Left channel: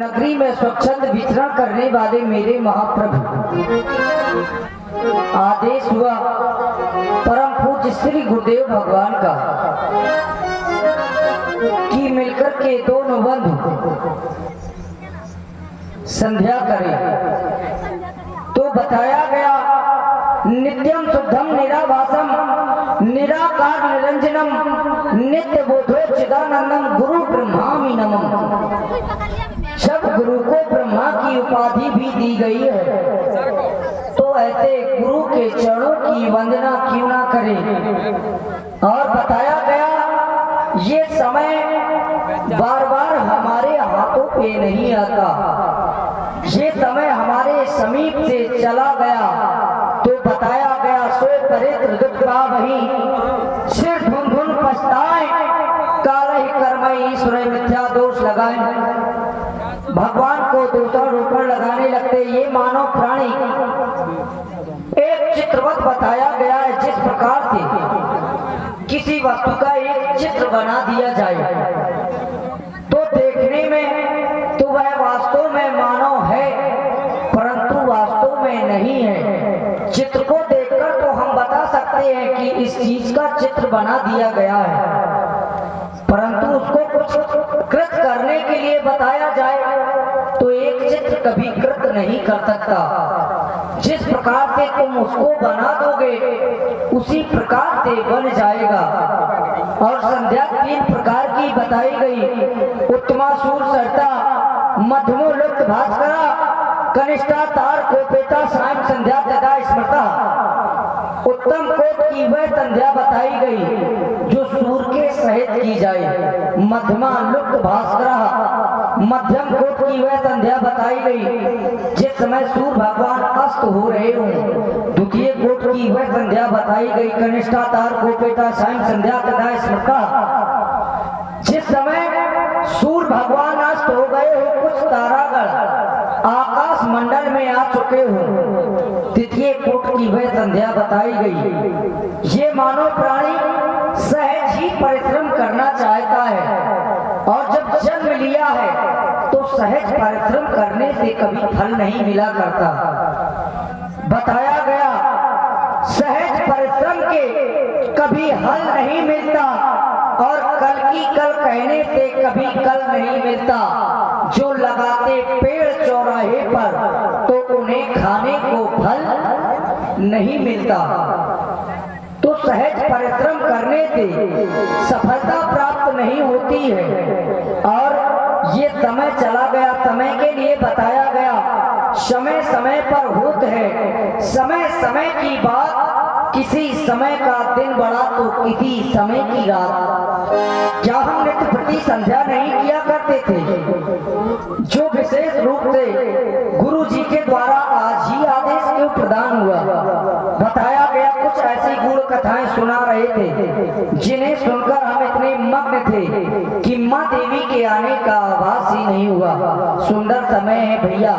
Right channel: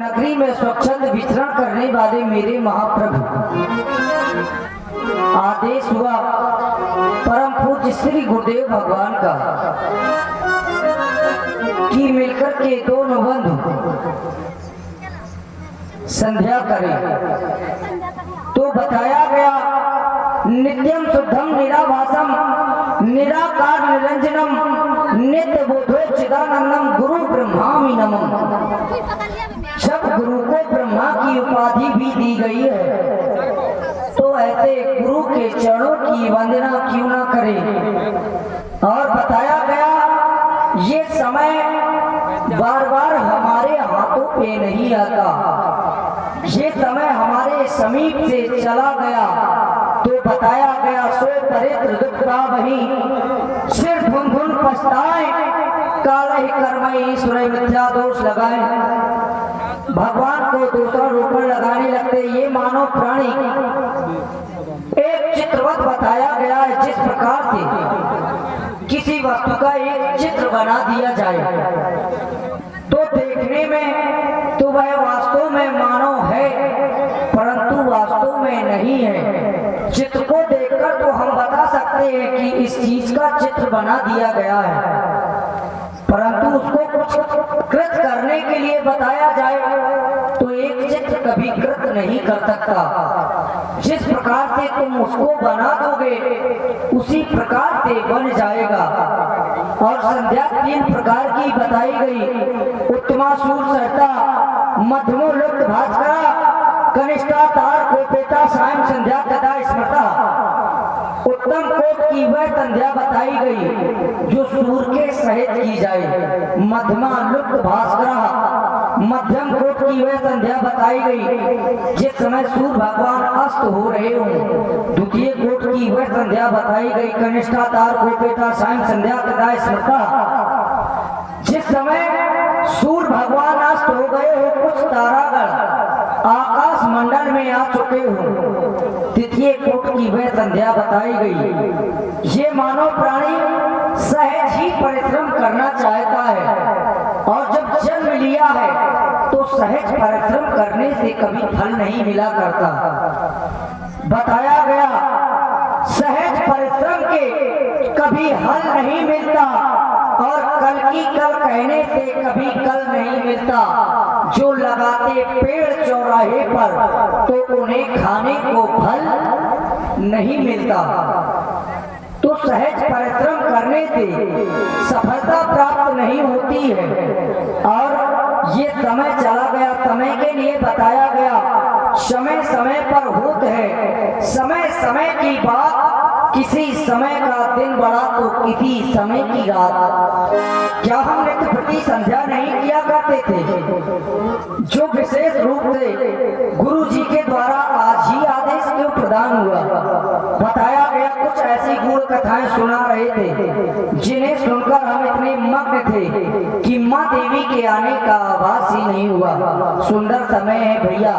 नगरी में स्वच्छंद विचरण करने वाले मेरे महाप्रभु, आदेश हुआ परम पूज्य श्री गुरुदेव भगवान का कि मिलकर के दोनों बंधु संध्या करें। तो बताया गया नित्यम शुद्धम निराभासम निराकार निरंजनम नित्य बोधो चिदानंदम गुरु ब्रह्मामि नमः। जब गुरु को ब्रह्मा की उपाधि भी दी गई है तो ऐसे गुरु के चरणों की वंदना क्यों ना करें। और बताया गया ये समय बार बार हमारे हाथों पे नहीं आता, ये समय हमारे समीप से चला गया। तो बताया गया सो परित्र दुख का वही सिर धुन धुन पछताए काले कर्मई ईश्वर मिथ्या दोष लगाए। भगवान को दोषारोपण लगाने लगते ये मानव प्राणी एक चित्रवत बताया गया है, जिस प्रकार से किसी वस्तु का एक चित्र बना दिया जाए तो देखने में तो वह वास्तव में मानव है परंतु वास्तव में नहीं है। चित्र को देखकर तो हम बता सकते हैं कि इस चीज का चित्र बना दिया गया है, परंतु उसको कुछ कृत करने के लिए बताया जाए तो एक चित्र कभी कृत नहीं कर सकता। जिस प्रकार से तुम उसको बना दोगे उसी प्रकार से बन जाएगा। और संध्या 3 प्रकार की बताई गई, उत्तमा सूर सरता मध्यमो लुप्त भास्करा कनिष्ठा तार कोपेता सायं संध्या तदा स्मृता। उत्तम कोट की वह संध्या बताई गई जो सूर के सहित की जाए, मध्यमा लुप्त भास्करा मध्यम कोट की वह संध्या बताई गई जिस समय सूर्य भगवान अस्त हो रहे हों। द्वितीय कोट की वह संध्या बताई गई कनिष्ठा तार कोपेता सायं संध्या तदा स्मृता, जिस समय सूर्य भगवान अस्त हो गए हो, कुछ तारागण आकाश मंडल में आ चुके हो। तृतीय कोट की वह संध्या बताई गई। ये मानव प्राणी सहज ही परिश्रम करना चाहता है और जब जन्म लिया है तो सहज परिश्रम करने से कभी फल नहीं मिला करता। बताया गया सहज परिश्रम के कभी हल नहीं मिलता और कल की कल कहने से कभी कल नहीं मिलता। जो लगाते पेड़ चौराहे पर तो उन्हें खाने को फल नहीं मिलता। तो सहज परिश्रम करने से सफलता प्राप्त नहीं होती है। और ये समय चला गया, समय के लिए बताया गया समय समय पर होता है। समय समय की बात, किसी समय का दिन बड़ा तो किसी समय की रात। क्या हम नित्य प्रति संध्या नहीं किया करते थे जो विशेष रूप से गुरु जी के द्वारा आज ही आदेश क्यों प्रदान हुआ। बताया गया कुछ ऐसी गुण कथाएं सुना रहे थे जिन्हें सुनकर हम इतने मग्न थे कि माँ देवी के आने का आभास ही नहीं हुआ। सुंदर समय है भैया,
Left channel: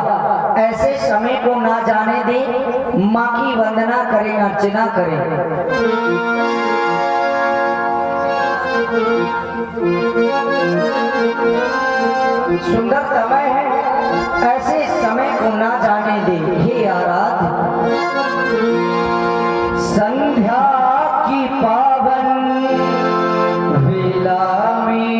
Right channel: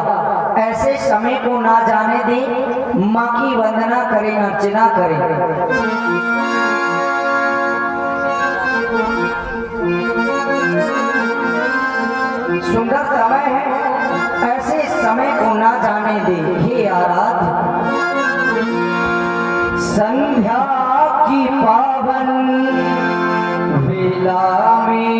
ऐसे समय को ना जाने दे, माँ की वंदना करें अर्चना करें। सुंदर समय है, ऐसे समय को ना जाने दे। हे आराध्य संध्या की पावन वेला में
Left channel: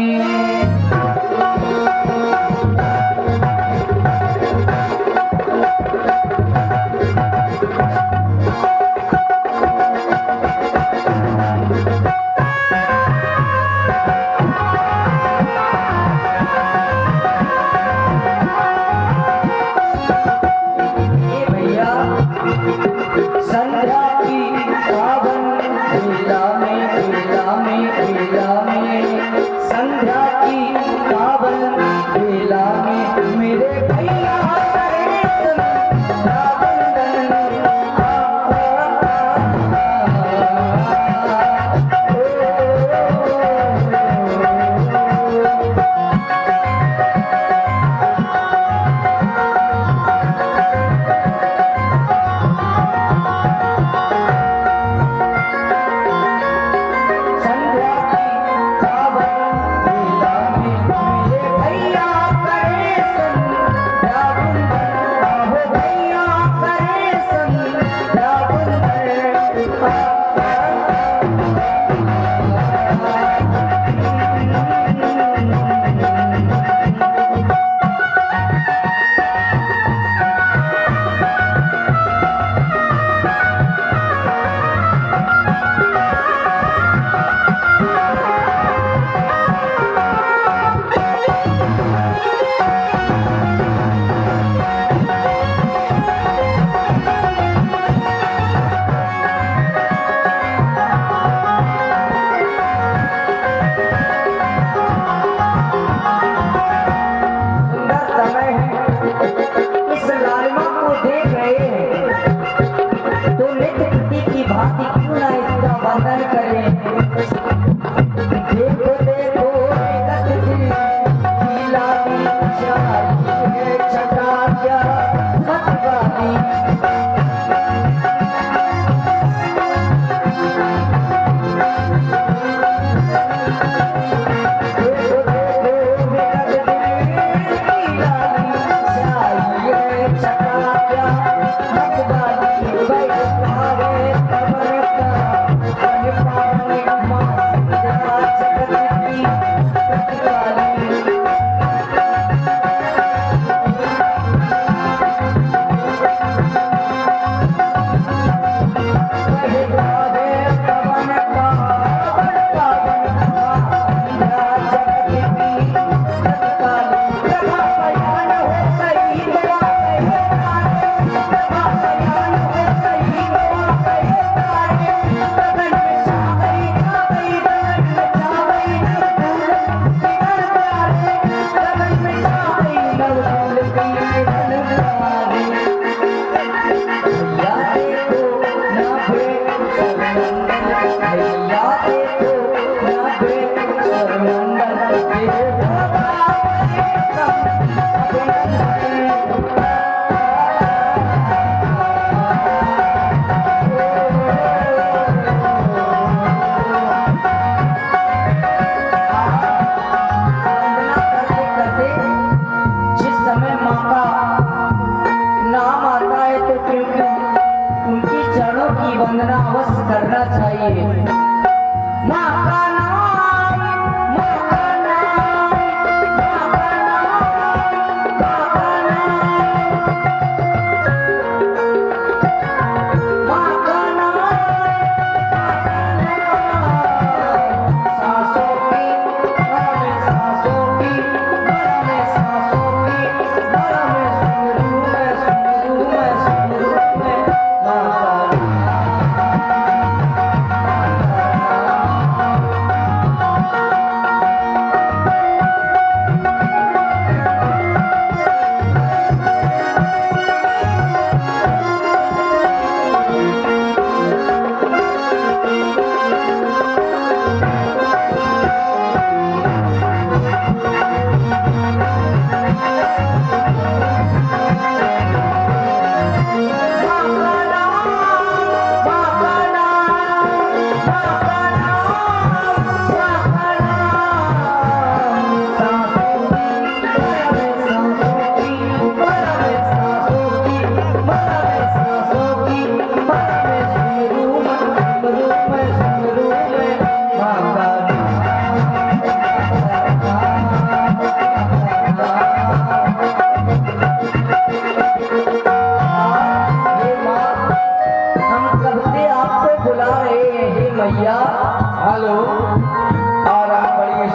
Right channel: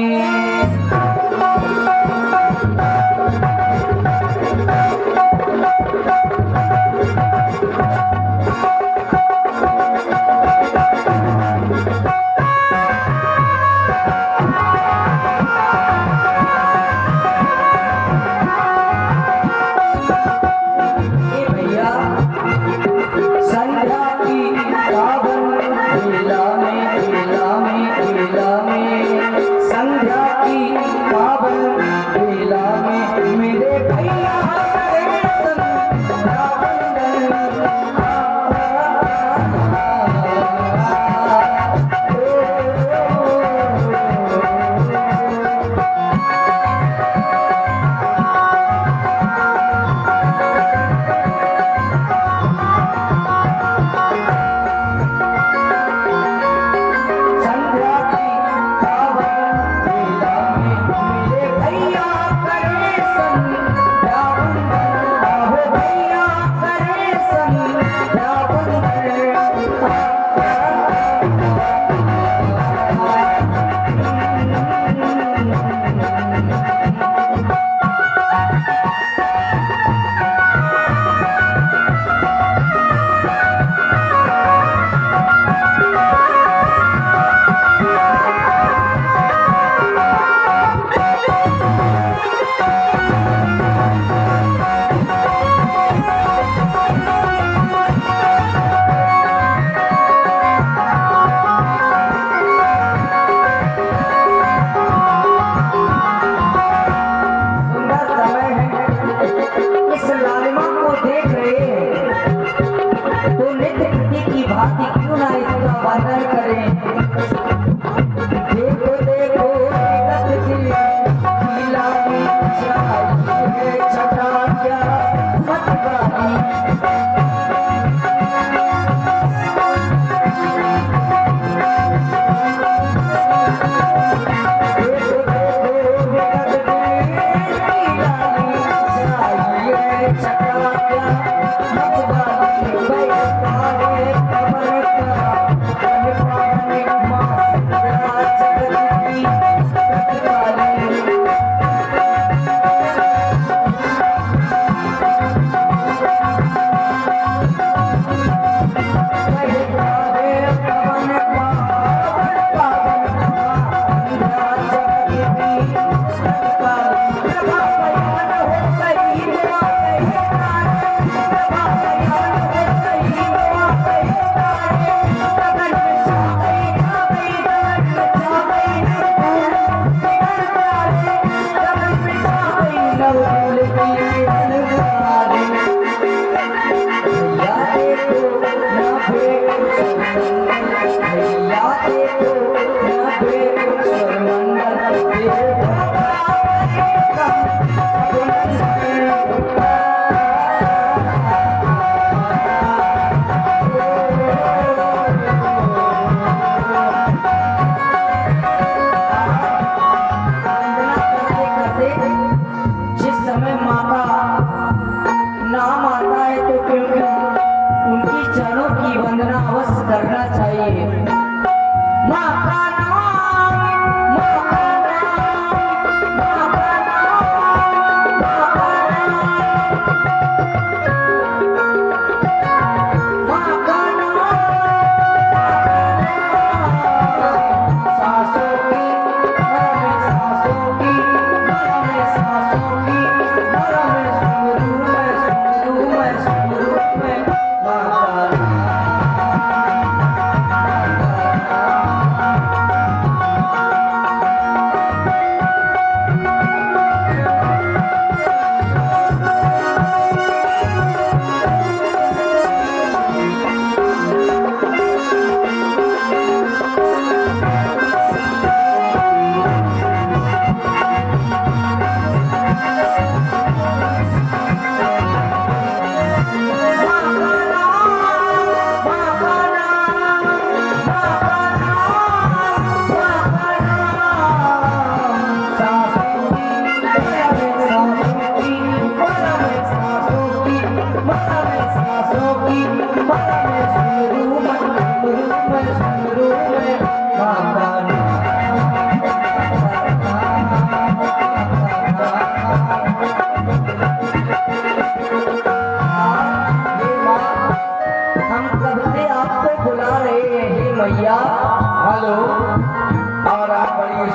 क्या मतवाली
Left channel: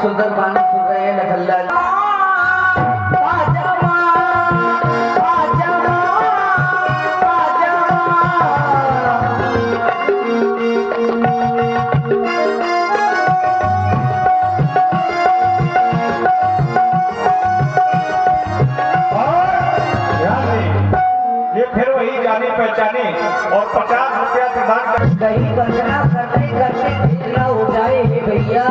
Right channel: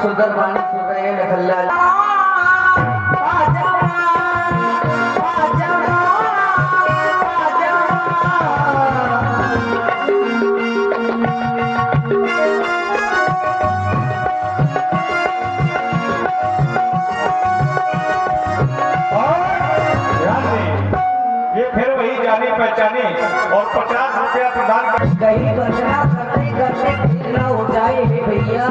सुंदर वाणी सुन रहे हैं लखनलाल। ये फिर वही जाने पहचाने और 50 रुपया प्रदान कर कहीं वंदना करते करते कितना हो जाए हे भैया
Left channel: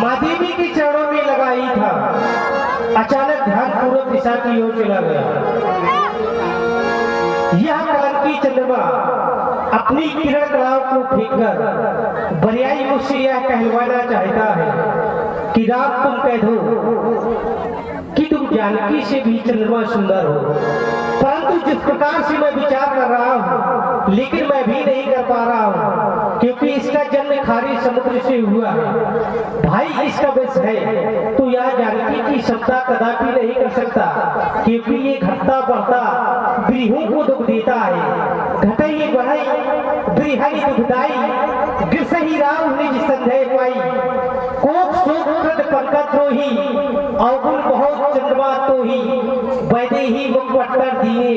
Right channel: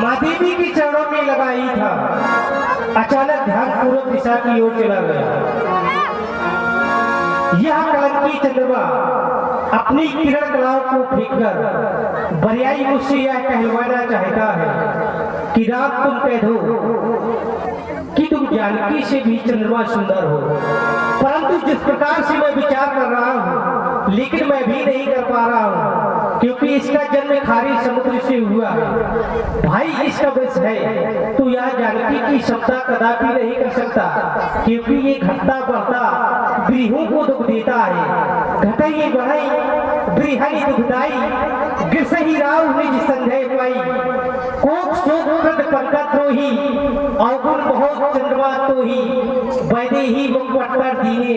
माँ देवी के चरणों में लगाई था। की ओर चला गया। यह कलंकी चंद्रमा अपनी किरण कलाओं को फेंककर बरियाई मुझसे यह कहलवाना चाहता है कि रात तुम कह दो कि तुम जानकी से भी चंद्रमा सुंदर हो, परंतु जिस प्रकार से मैं विचार कर रहा हूँ लेकिन मैं भी नहीं कर पा रहा हूँ, क्योंकि इसका जन्म खारी समुद्र से हुआ है। भाई इसका वंश है तो यह जानकी की क्षमता कदापि नहीं कर सकता, क्योंकि ये घटता बढ़ता गृहों को दुख देता है। घटे ये बढ़ई गृहणी दुखदाई गिरसही राव निज संदेह पाई, कोक शोक प्रद पंकज द्रोही अवगुण बहुत चंद्रमा तो ही, वैदे ही मुख पट्टर दिए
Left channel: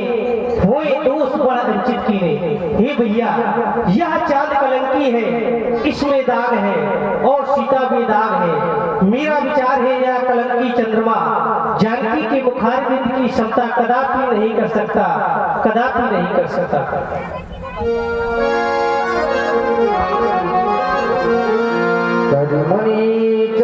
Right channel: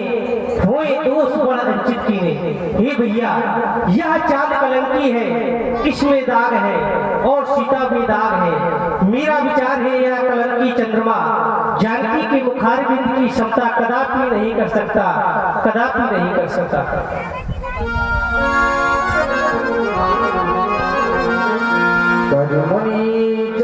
होए दोष बड़ अंचित कीने। हे भैया यह चांद कलंकी है, इसमें दाग है और सीता में दाग है। मेरा विचार है यह कलंकी चंद्रमा जानकी के मुखारबिंद की क्षमता कदापि नहीं कर सकता, कदापि नहीं कर सकता। मुनि